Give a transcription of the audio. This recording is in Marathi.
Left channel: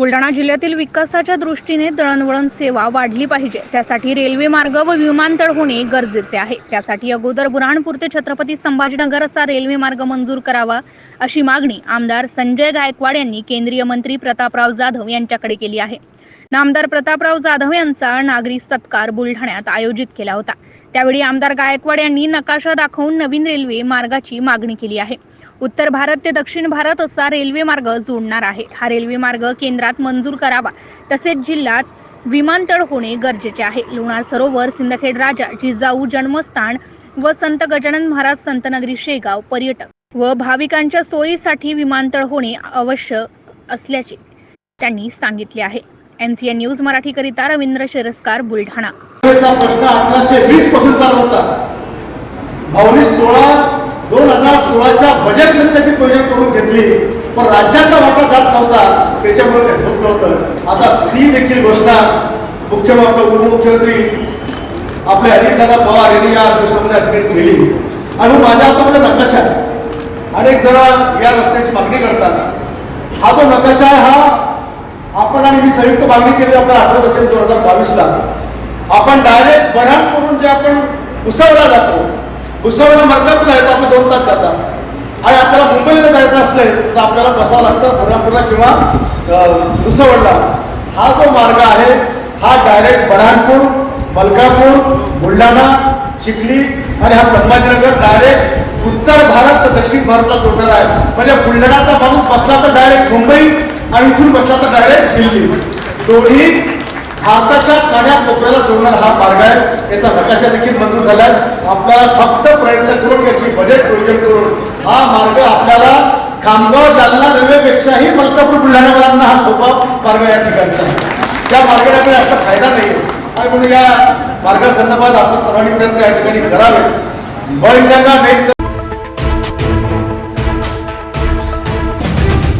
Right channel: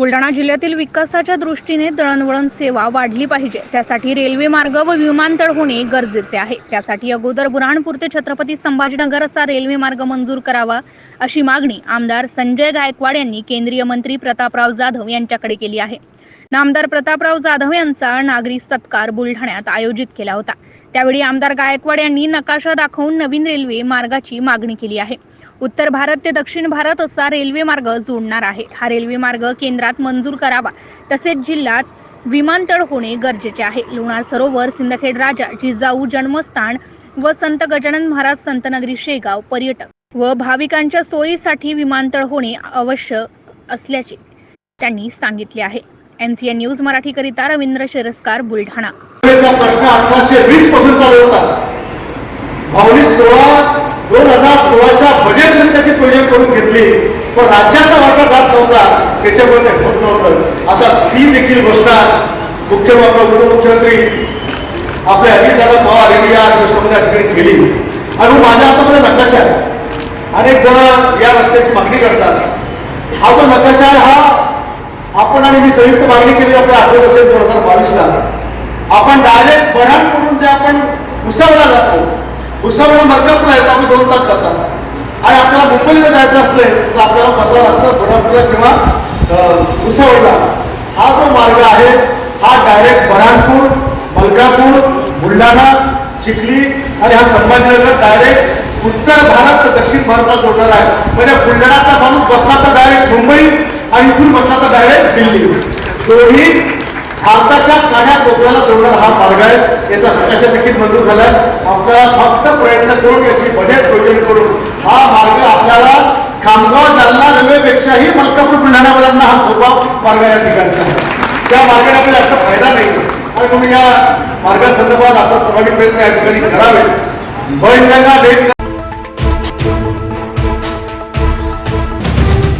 बुलढाणा जिल्ह्यातील विकासाच्या दृष्टीने दळणवळण सेवा वाढली पाहिजे. त्यासाठी रेल्वे मार्ग व विमानतळ होणे गरजेचे आहे. त्यासाठी अगोदर बुरहाणपूर ते छत्रपती संभाजीनगर असा रेल्वे मार्ग मंजूर करावा अशी मागणी आमदार संजय गायकवाड यांनी केंद्रीय मंत्री प्रतापराव जाधव यांच्याकडे केली आहे. नामदार प्रतापराव जाधव यांचा नागरी सत्कार बुलढाण्यात आयोजित केला होता. त्यावेळी आमदार गायकवाड यांनी नकाशा दाखवून नवीन रेल्वे मार्गाची मागणी केली आहे. उत्तर भारत ते दक्षिण भारत असा रेल्वे मार्ग जोडणार आहे. हा रेल्वे मार्ग केंद्रात मंजूर करावा. तसेच जिल्ह्यात विमानतळ होणे गरजेचे आहे. लोणार सरोवर सिंदखेड राजा जिजाऊ जन्मस्थान व संत गजानन महाराज संतनगरी शेगाव पर्यटक व भाविकांच्या सोयीसाठी विमानतळ होणे आवश्यक असल्याचे त्यांनी सांगितले आहे. एमसीएन न्यूज मराठीकरिता रवींद्र शिरस्कार बुलढाणा. प्रश्न अठराशे वीसपासून चालू होता. भावनी सोळा सोळाच्या बजेटमध्ये त्याची प्रोजेक्ट करून घेतली पण राज्याचा वाटा जात नव्हता त्याच्यामुळे ते होत. नव्हतं आता ती देखील घोषणा मुख्यमंत्री उपमुख्यमंत्री आपले अजितदादा पवार यांनी या गोष्टीमध्ये ठिकाणी केली. आणि माझ्या हातामध्ये नकाशा आहे. अनेक जण या रस्त्याची मागणी करतात. हा जो नकाशा आहे हा आपण आणि मी संयुक्त मागणी केली आपल्या आठवत असेल दोन हजार बावीसला. आपण डायरेक्ट बऱ्याच करून जे आपण उसवला जातो उसवला मरकपला येतो आपण दोन तास जातात. आणि आपल्याला मुंबईला जायचं असलं तर आपल्याला बसावं लागतं कोल्हापूरला किंवा भुसावळला हा जो मार्ग आहे हा डायरेक्ट बऱ्हाणपूर मलकापूर बुलढाणा चिखली आणि हा संभाजीनगर डायरेक्ट उत्तर भारत तर दक्षिण भारतात जोडणार आहे. म्हणजे बुलढाणाचा माणूस बसला तर डायरेक्ट मुंबई आणि इथून बसला तर डायरेक्ट दिल्ली. दोन्ही भारताच्या कान्या कोपऱ्याला जोडणारा हा मार्ग आहे. याचा नकाशा देखील मंजूर झालाय. आपल्याला फक्त प्रयत्न करून याची बजेट प्रोजेक्ट करून हा मार्ग आपल्याला खामगाव जालना रेल्वेपेक्षाही मलकापूर बुलढाण्यापर्यंत हा सोपा मार्ग या ठिकाणचा त्या मार्गाने आपल्याला जास्त फायदा नाही. पण म्हणून या मार्गासंदर्भात आपण सर्वांनी प्रयत्न या ठिकाणी करावे वैंगंगा वेग